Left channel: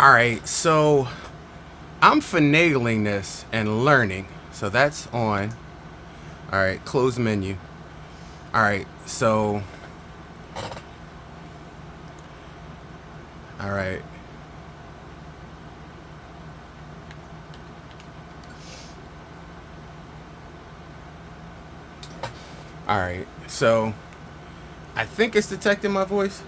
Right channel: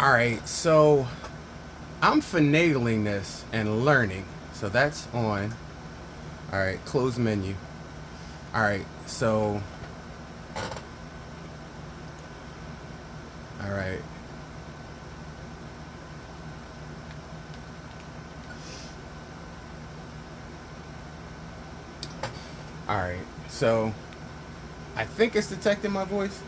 All right, so I'm finagling this and learning. So that's on. All right, close menu. All right, so. All right. All right, so I think it's detecting my voice.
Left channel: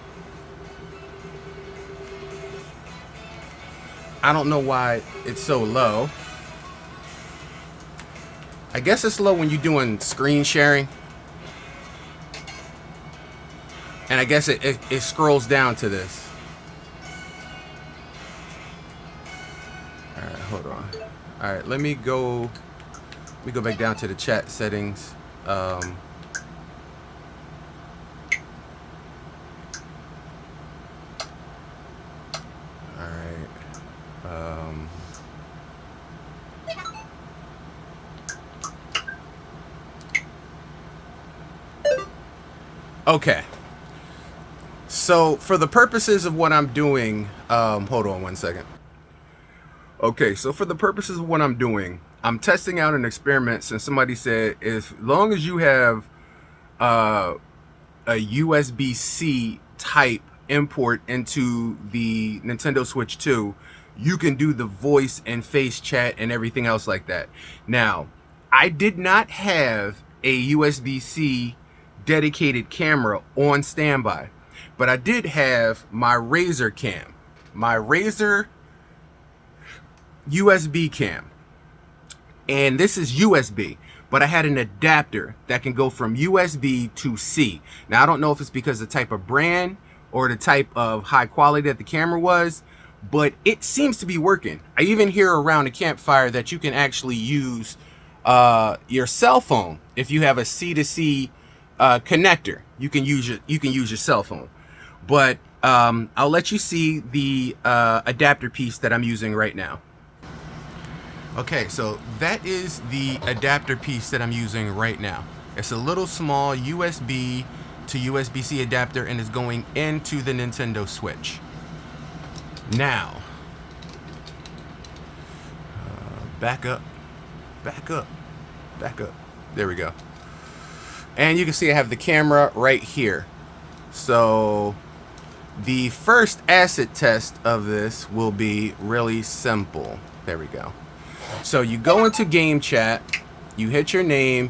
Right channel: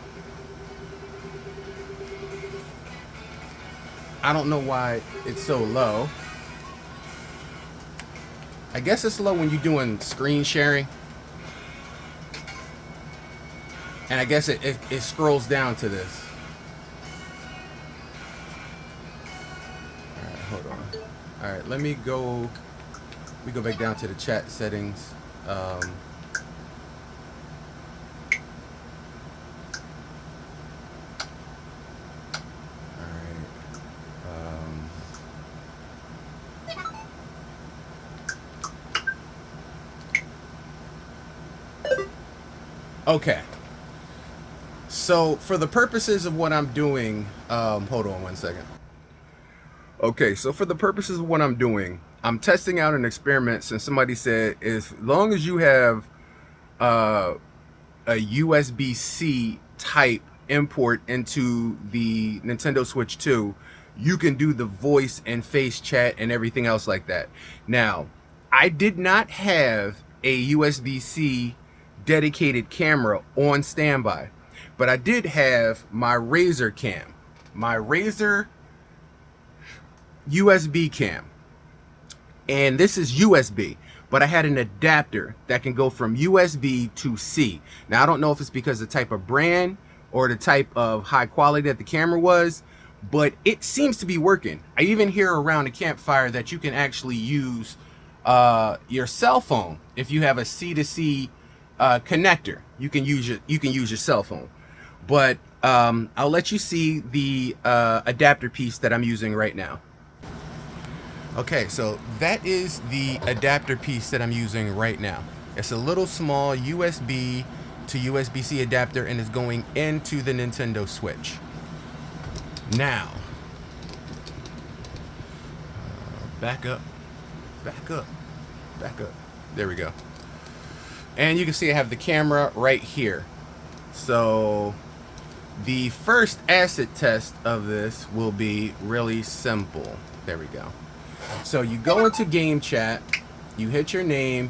I don't know why it's so low. I guess it's low when you're doing screen sharing. And I guess it scrolls down to this. All right, hold on. All right, let me go back down to the chat settings. All right. Okay. So for the purposes of what I'm doing, hold on one second. Okay, so for the purposes of what I'm doing, I'm testing out an experiment since somebody said as long as you have a USB-C type import into the Nintendo Switch 2, you can do the voice and face chat and everything else like that. Now, I did not have a USB-C dedicated camera on standby, but I did have my Razer cam, my Razer USB cam. And this is USB, but I had an adapter that can go from USB to C. Now, I don't know if it's because of the type of brand or the type of high quality that the camera was, but it seems to be working. I even hear around the campfire that you can actually use your cell phone. If you have a C to C connector, you can use your cell phone. But I'll let you see the adapter piece that I'm using right now. Okay, so that is the adapter piece that I'm using right now. It's a little small USB to USB-C adapter and is going into the Nintendo Switch. Now, back up. There we go. And you can see I have the camera right here. So the first acid test of this will be really simple. There we go. So you go into game chat, you hit your name,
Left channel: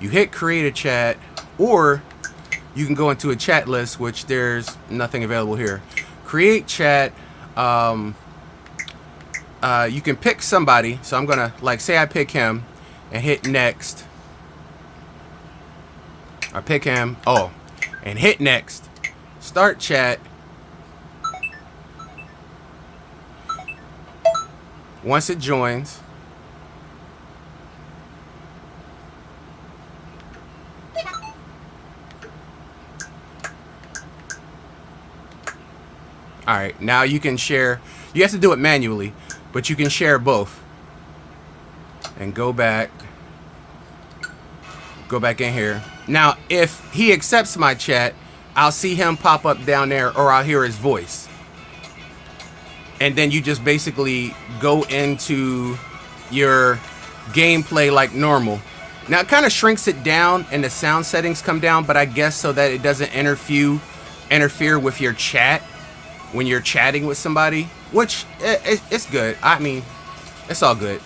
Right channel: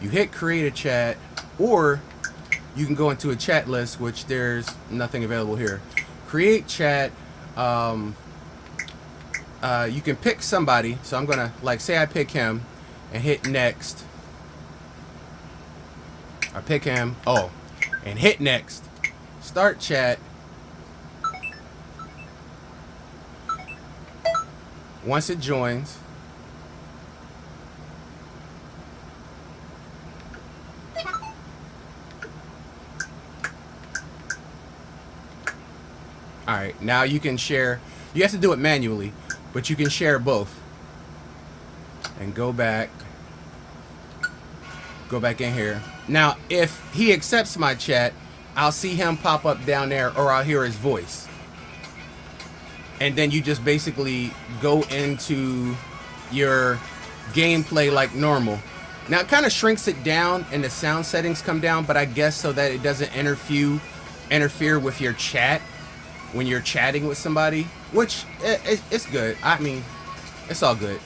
you hit create a chat, or you can go into a chat list, which there's nothing available here. Create chat. You can pick somebody. So I'm gonna, like, say I pick him and hit next. I pick him. Oh, and hit next. Start chat. Once it joins, all right, now you can share. You have to do it manually, but you can share both. And go back in here. Now, if he accepts my chat, I'll see him pop up down there, or I'll hear his voice. And then you just basically go into your gameplay like normal. Now, it kind of shrinks it down and the sound settings come down, but I guess so that it doesn't interfere with your chat when you're chatting with somebody, which it's good. I mean, it's all good.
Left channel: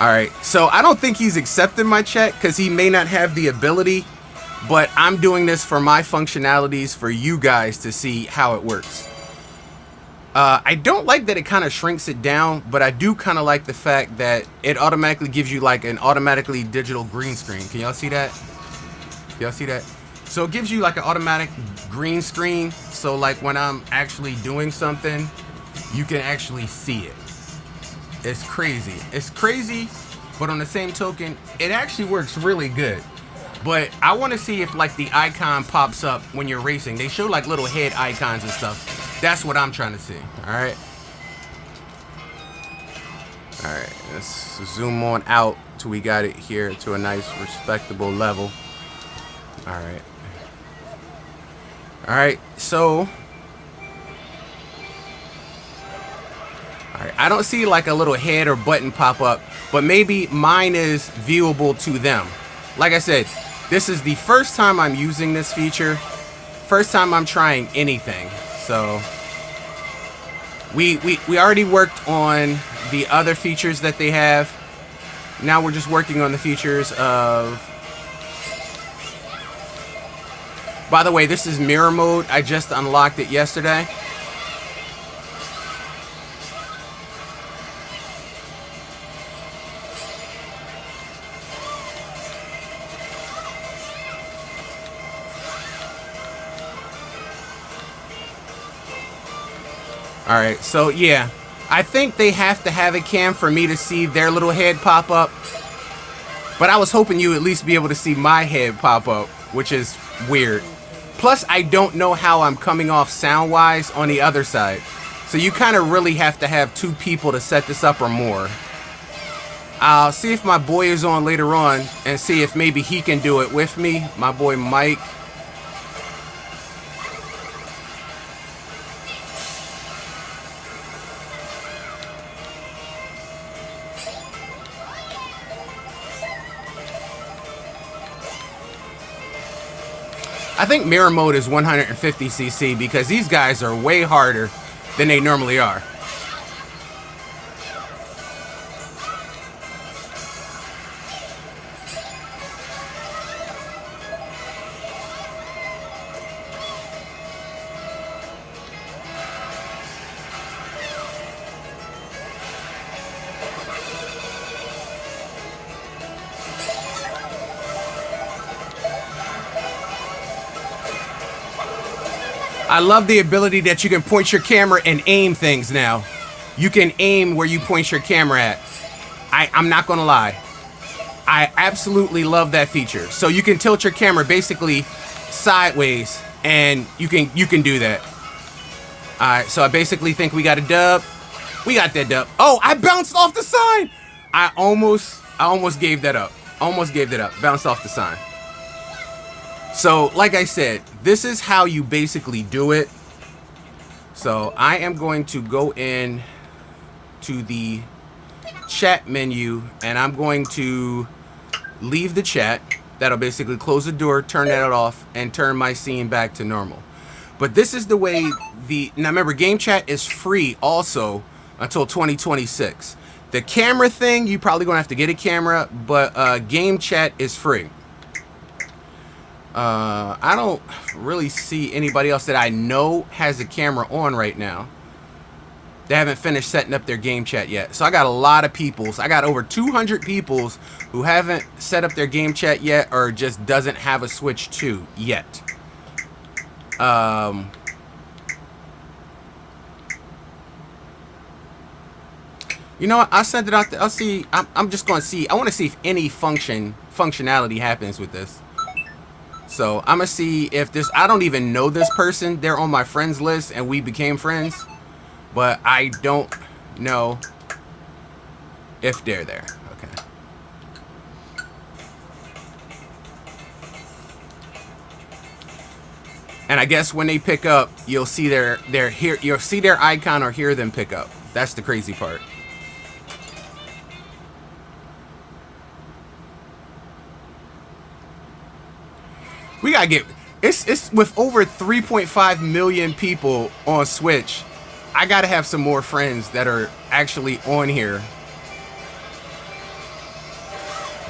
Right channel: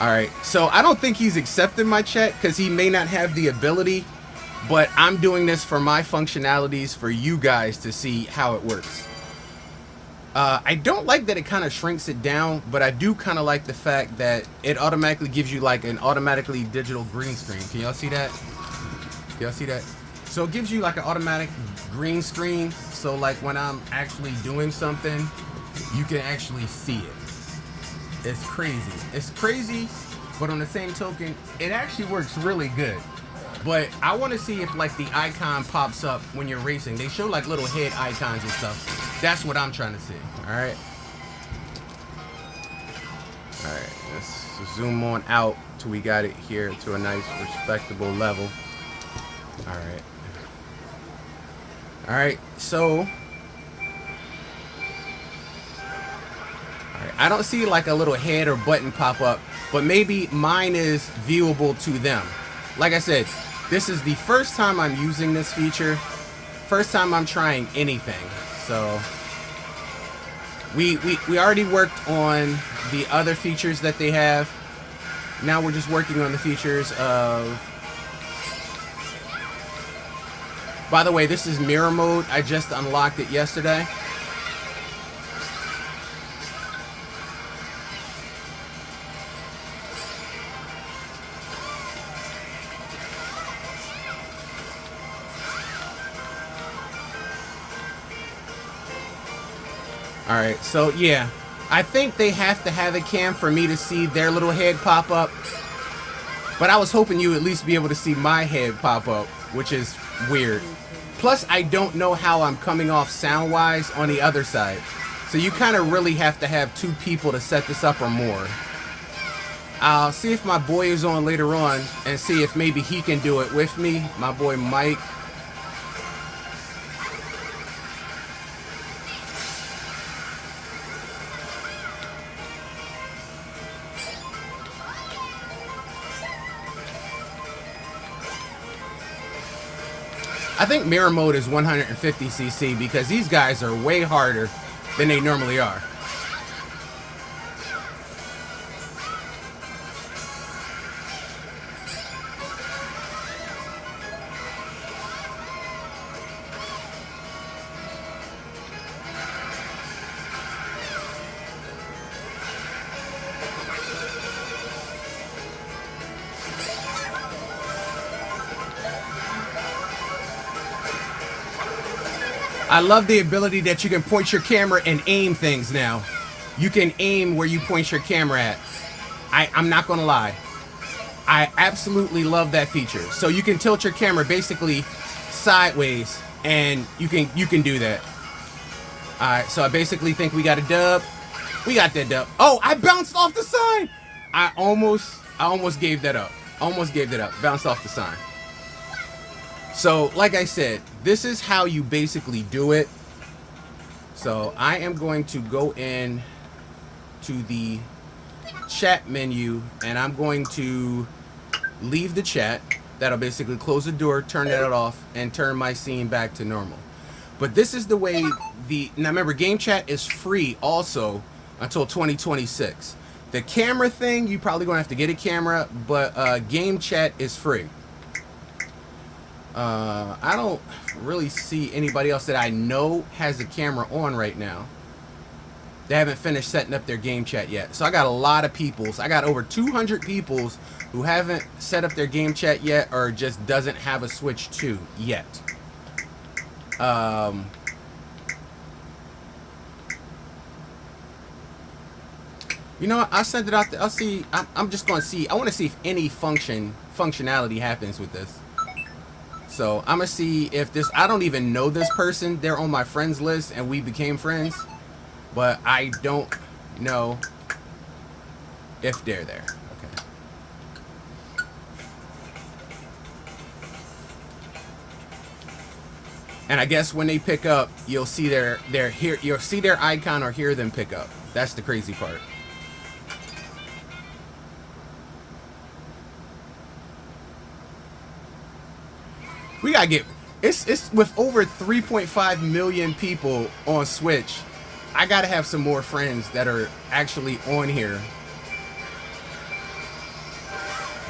All right, so I don't think he's accepting my chat because he may not have the ability, but I'm doing this for my functionalities for you guys to see how it works. I don't like that it kind of shrinks it down, but I do kind of like the fact that it automatically gives you like an automatically digital green screen. Can y'all see that? Y'all see that? So it gives you like an automatic green screen. So like when I'm actually doing something, you can actually see it. It's crazy. It's crazy, but on the same token, it actually works really good. But I want to see if like the icon pops up when you're racing. They show like little head icons and stuff. That's what I'm trying to see. All right. All right. Let's So zoom on out till we got it here to a nice respectable level. All right, so I don't see like a little head or button pop up, but maybe mine is viewable to them. Like I said, this is the first time I'm using this feature, first time I'm trying anything. So we already worked on the other features that they have. Now we're just working on the features of... By the way, this is mirror mode. I just unlocked it yesterday. All right, so yeah, I think they have to have a cam for me to see their little head pop up. But I was hoping you at least be able to see my head pop up, which is weird. Plus, I don't know how I'm coming off sound-wise on the other side. So you kind of really have to have two people to set this up or more. I'll see if my boy is on later on and see if maybe he can do it with me. My boy Mike. I think mirror mode is 150cc because these guys are way harder than they normally are. I love the ability that you can point your camera and aim things now. You can aim where you point your camera at. I'm not gonna lie. I absolutely love that feature. So you can tilt your camera basically sideways and you can do that. Alright, so I basically think we got a dub. We got that dub. Oh, I bounced off the sign! I almost gave that up. Almost gave that up. Bounced off the sign. So, like I said, this is how you basically do it. So, I am going to go in to the chat menu, and I'm going to leave the chat. That'll basically close the door, turn that off, and turn my scene back to normal. But this is the way now remember, game chat is free also until 2026. The camera thing, you probably gonna have to get a camera, but game chat is free. I don't really see anybody else that I know has a camera on right now. They haven't finished setting up their game chat yet. So I got a lot of peoples. I got over 200 peoples who haven't set up their game chat yet or just doesn't have a Switch 2 yet. You know what? I'll send it out there. I'll see. I'm just going to see. I want to see if any functionality happens with this. So I'm gonna see if this, I don't even know this person. They're on my friends list and we became friends, but I don't know if they're there. Okay. And I guess when they pick up, you'll see you'll see their icon or hear them pick up. That's the crazy part. We gotta get, it's with over 3.5 million people on Switch. I gotta have some more friends that are actually on here.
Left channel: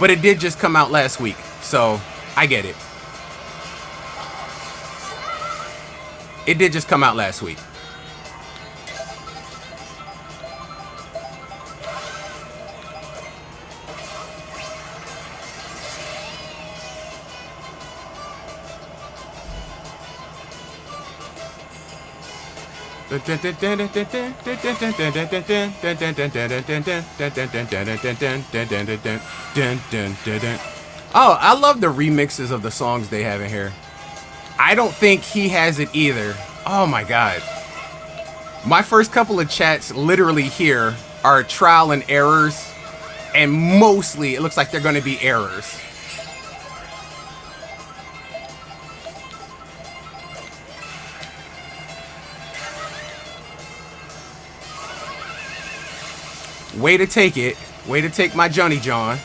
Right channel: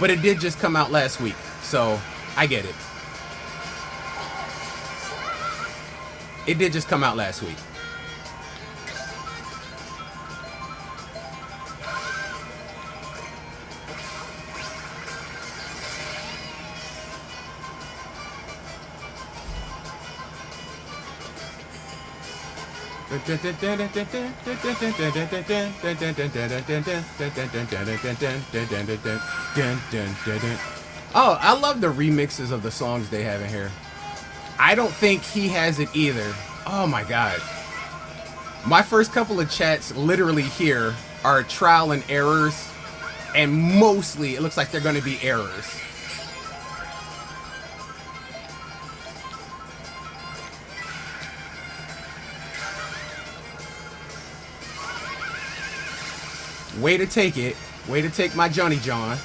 But it did just come out last week, so I get it. It did just come out last week. Oh, I love the remixes of the songs they have in here. I don't think he has it either. Oh my god. My first couple of chats literally here are trial and errors, and mostly it looks like they're going to be errors. Way to take it. Way to take my Johnny John.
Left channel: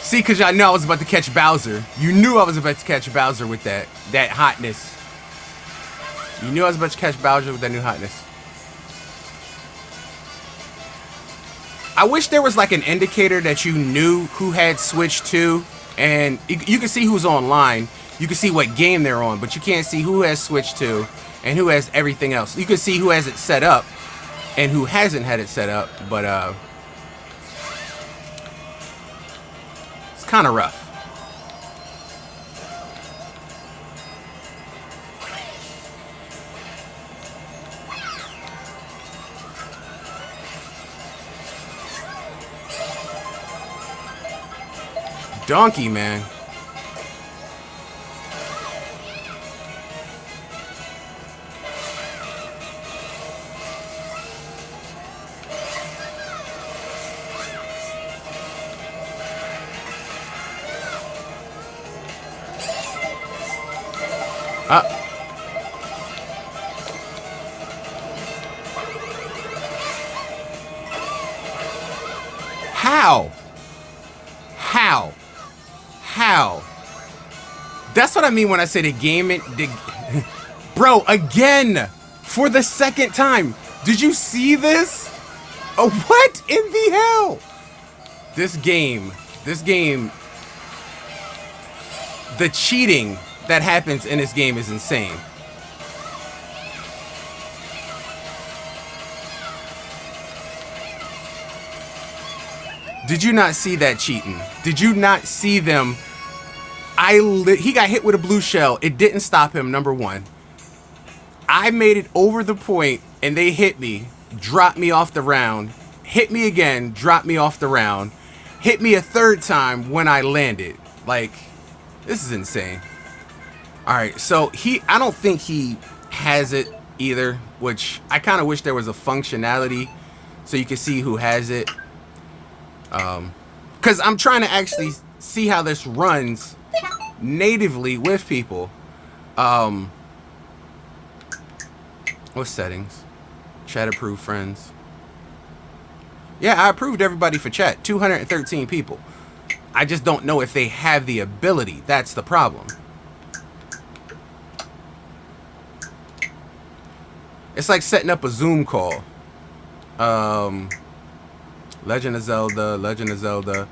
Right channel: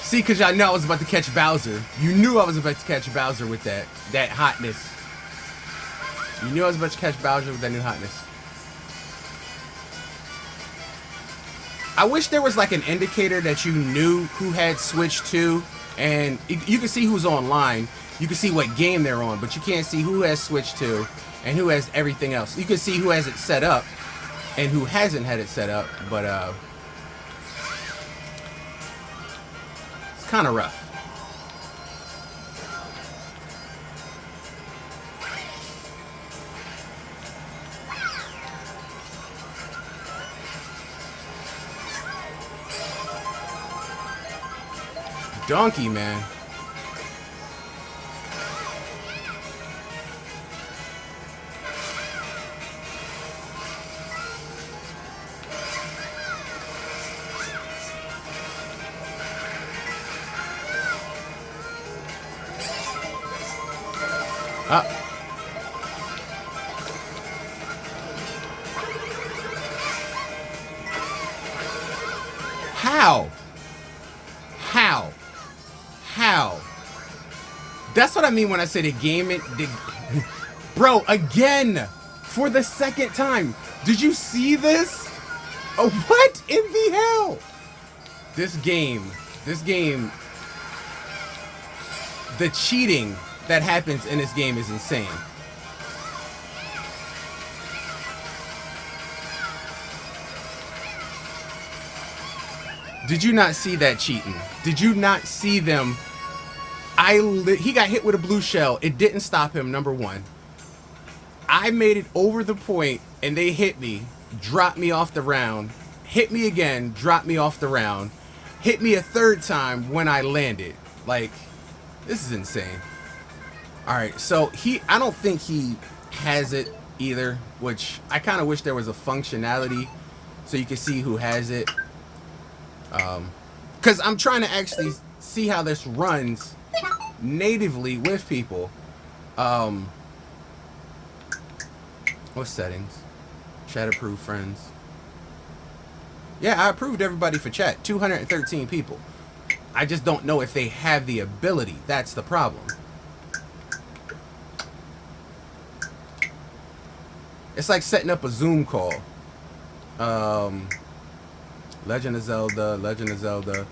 See, because y'all know I was about to catch Bowser. You knew I was about to catch Bowser with that hotness. You knew I was about to catch Bowser with that new hotness. I wish there was like an indicator that you knew who had Switch 2. And you can see who's online. You can see what game they're on. But you can't see who has Switch 2 and who has everything else. You can see who has it set up and who hasn't had it set up. But it's kind of rough. Donkey, man. How? That's what I mean when I say the game. Bro, again, for the second time. Did you see this? Oh, what in the hell? This game, the cheating that happens in this game is insane. Did you not see that cheating? Did you not see them? He got hit with a blue shell. It didn't stop him, number one. I made it over the point, and they hit me, dropped me off the round, hit me again, dropped me off the round, hit me a third time when I landed. Like, this is insane. All right, so I don't think he has it either, which I kind of wish there was a functionality so you can see who has it. Because I'm trying to actually see how this runs natively with people. What settings? Chat approved friends. Yeah, I approved everybody for chat. 213 people. I just don't know if they have the ability. That's the problem. It's like setting up a Zoom call. Legend of Zelda.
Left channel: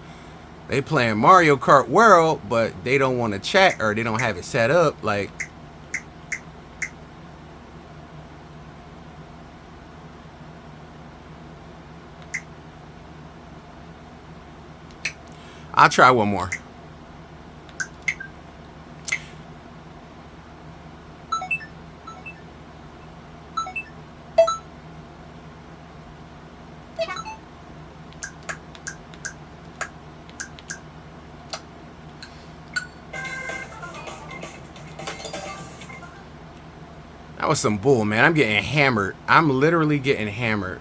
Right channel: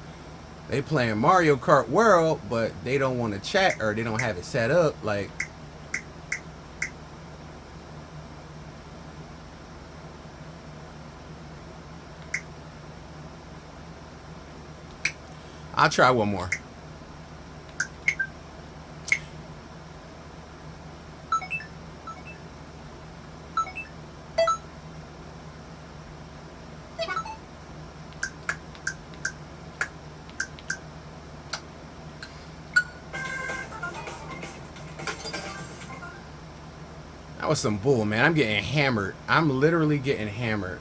They playing Mario Kart World, but they don't want to chat or they don't have it set up. Like, I'll try one more. That was some bull, man. I'm getting hammered. I'm literally getting hammered.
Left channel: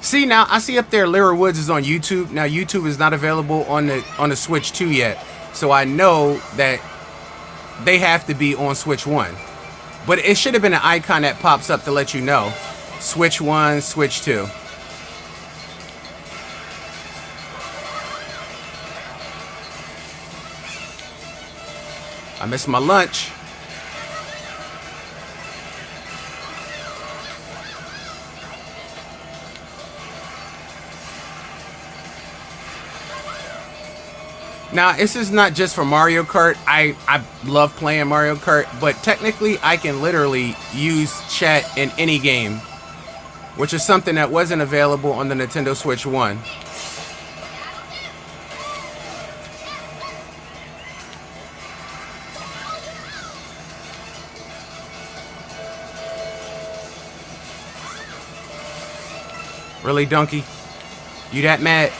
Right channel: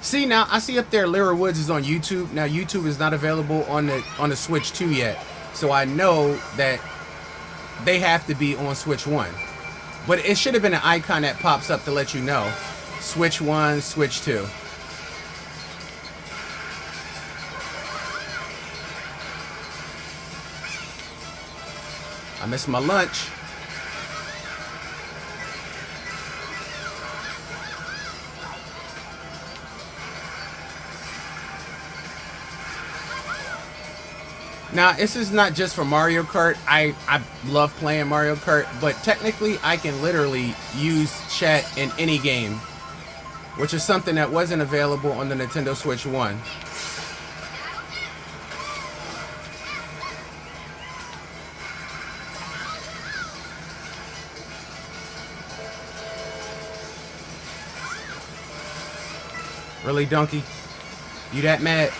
See, now I see up there Lyra Woods is on YouTube. Now YouTube is not available on the Switch 2 yet. So I know that they have to be on Switch 1. But it should have been an icon that pops up to let you know. Switch 1, Switch 2. I missed my lunch. Now, this is not just for Mario Kart. I love playing Mario Kart, but technically I can literally use chat in any game, which is something that wasn't available on the Nintendo Switch 1. Really, Donkey? You that mad?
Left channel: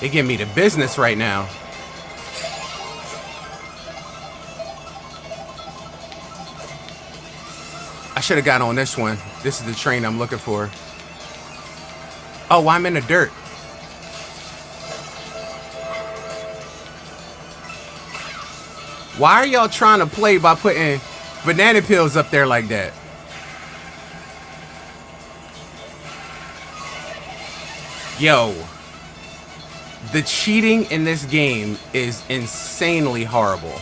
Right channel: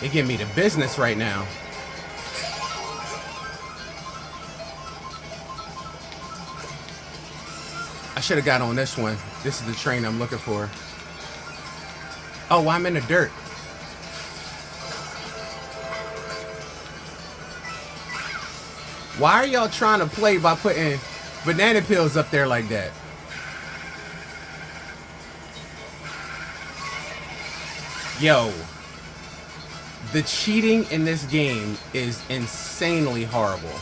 They give me the business right now. should have got on this one. This is the train I'm looking for. Oh, I'm in the dirt. Why are y'all trying to play by putting banana peels up there like that? Yo, the cheating in this game is insanely horrible.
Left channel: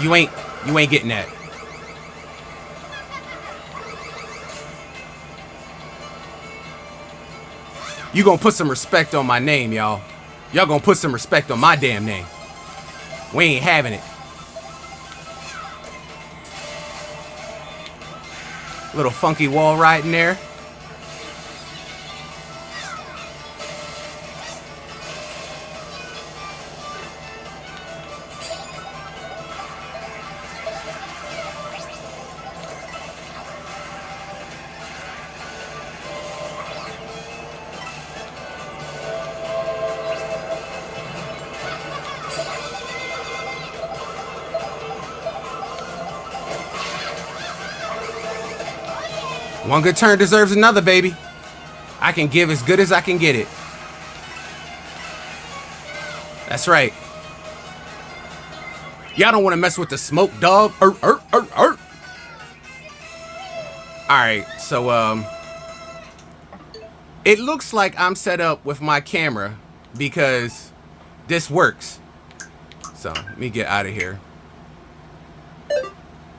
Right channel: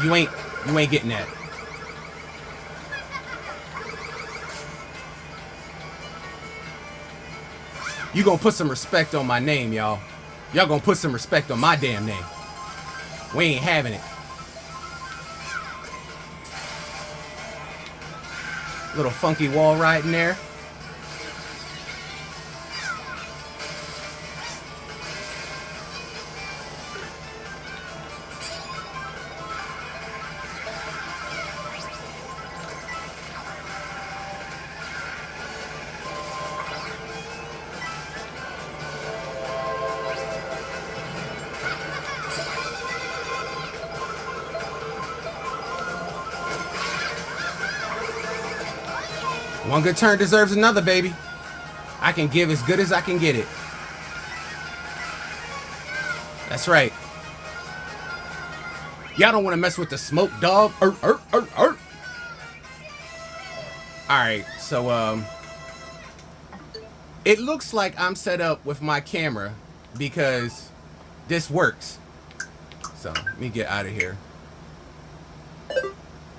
You ain't getting that. You gonna put some respect on my name, y'all. Y'all gonna put some respect on my damn name. We ain't having it. Little funky wall ride in there. One good turn deserves another, baby. I can give as good as I can get it. That's right. Y'all don't want to mess with the smoke, dog. Alright, so it looks like I'm set up with my camera because this works. So let me get out of here.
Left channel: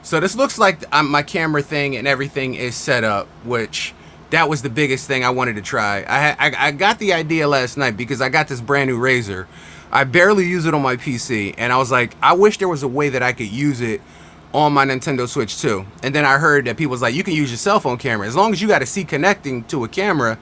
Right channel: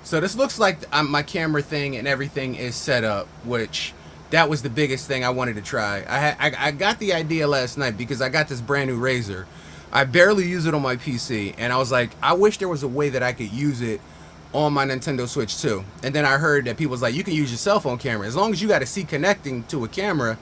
So this looks like my camera thing and everything is set up, which that was the biggest thing I wanted to try. I got the idea last night because I got this brand new Razer. I barely use it on my PC, and I was like, I wish there was a way that I could use it on my Nintendo Switch too. And then I heard that people was like, you can use your cell phone camera as long as you got a C connecting to a camera.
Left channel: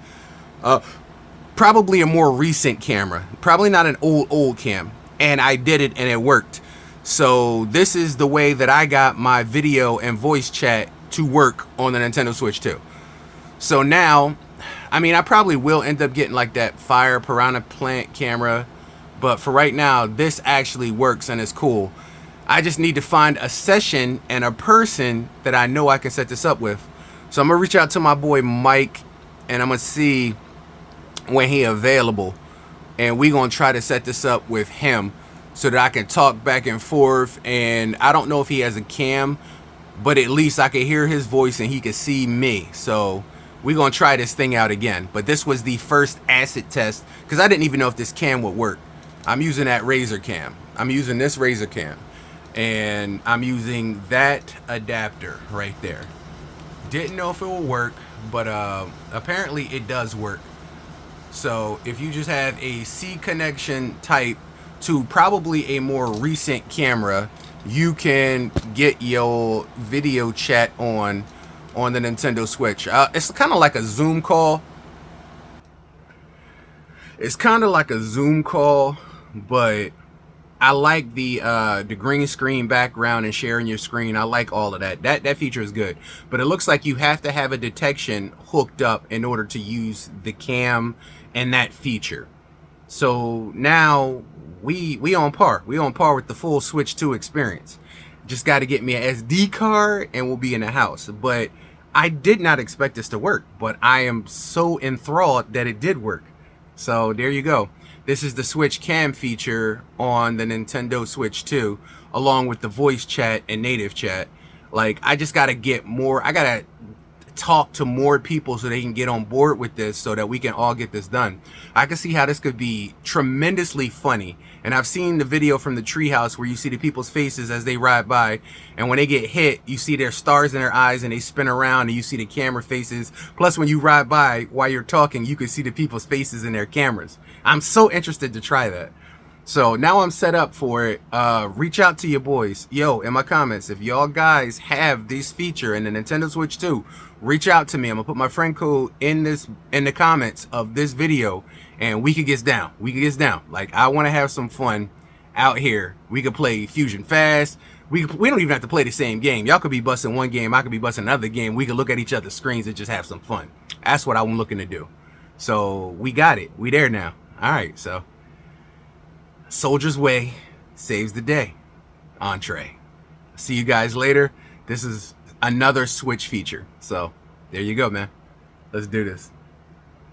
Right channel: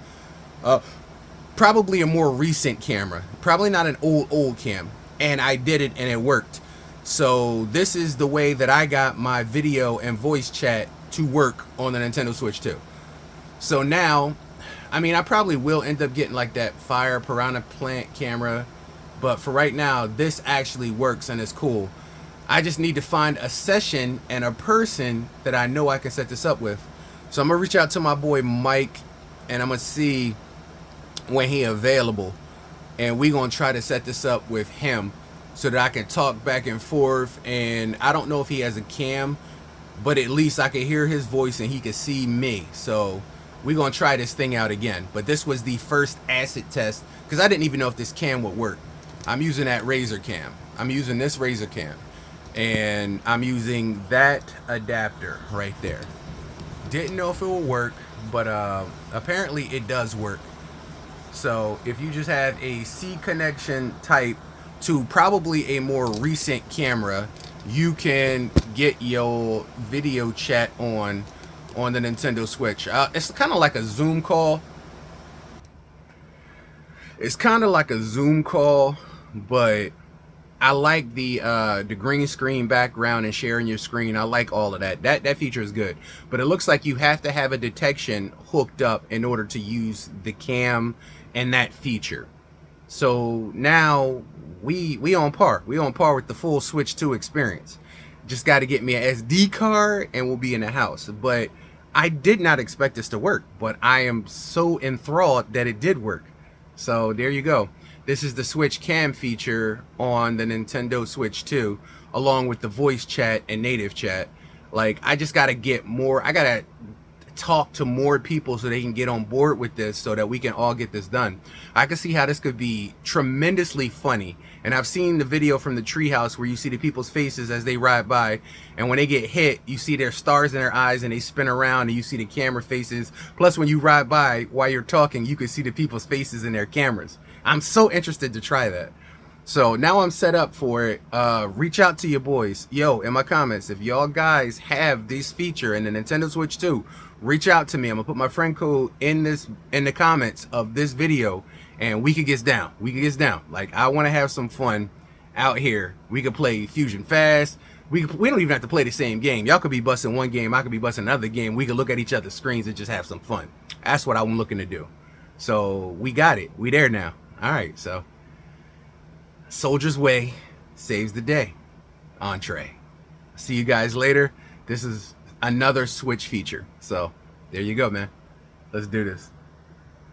Probably a more recent camera, probably not an old cam. And I did it and it worked. So this is the way that I got my video and voice chat to work on the Nintendo Switch 2. So now, I mean, I probably will end up getting like that fire piranha plant camera, but for right now, this actually works and it's cool. I just need to find a session and a person that I know I can set this up with. So I'm gonna reach out to my boy Mike and I'm gonna see when he available, and we gonna try to set this up with him so that I can talk back and forth. And I don't know if he has a cam, but at least I can hear his voice and he can see me. So we're gonna try this thing out again. But this was the first acid test because I didn't even know if this cam would work. I'm using that Razer cam. I'm using this Razer cam, and I'm using that adapter right there. Didn't know if it would work, but apparently it does work. So if you just have a C connection type to probably a more recent camera, you can get your video chat on the Nintendo Switch. It's kind of like a Zoom call. It's kind of like a Zoom call, but I like the green screen background and sharing your screen. I like all of that. That feature is good, but it looks like you have to have a detection hooked up in order to use the cam and that feature. So now we on par. We on par with the full Switch 2 experience. Just got to get me an SD card and we'll be in the house. But I did not expect this to work, but I am so enthralled that it did work. So there you go. This is the Switch cam feature on the Nintendo Switch 2, along with the voice chat and native chat. Like, I just got to get more. I got to talk to more people so they can get on board with this so that we can all get this done. I can see how this could be tremendously funny. And I've seen the video from the treehouse where you see the people's faces as they ride by, and when they get hit, you see their stars in their eyes and they spin around and you see the camera faces. Plus, when you ride by while you're talking, you can see the people's faces in their cameras. I'm so interested to try that. So now I'm set up for it. Reach out to your boys. Yo, in my comments, if y'all guys have this feature in the Nintendo Switch 2, reach out to me. I'm gonna put my friend code in the comments of this video, and we can get down. We can get down. Like, I want to have some fun out here. We could play Fusion Fast. We don't even have to play the same game. Y'all could be busting one game. I could be busting another game. We could look at each other's screens and just have some fun. That's what I'm looking to do. So we got it. We there now. All right. So Soldier's Way saves the day. Entree. See you guys later. This is another Switch feature. So there you go, man. Let's do this.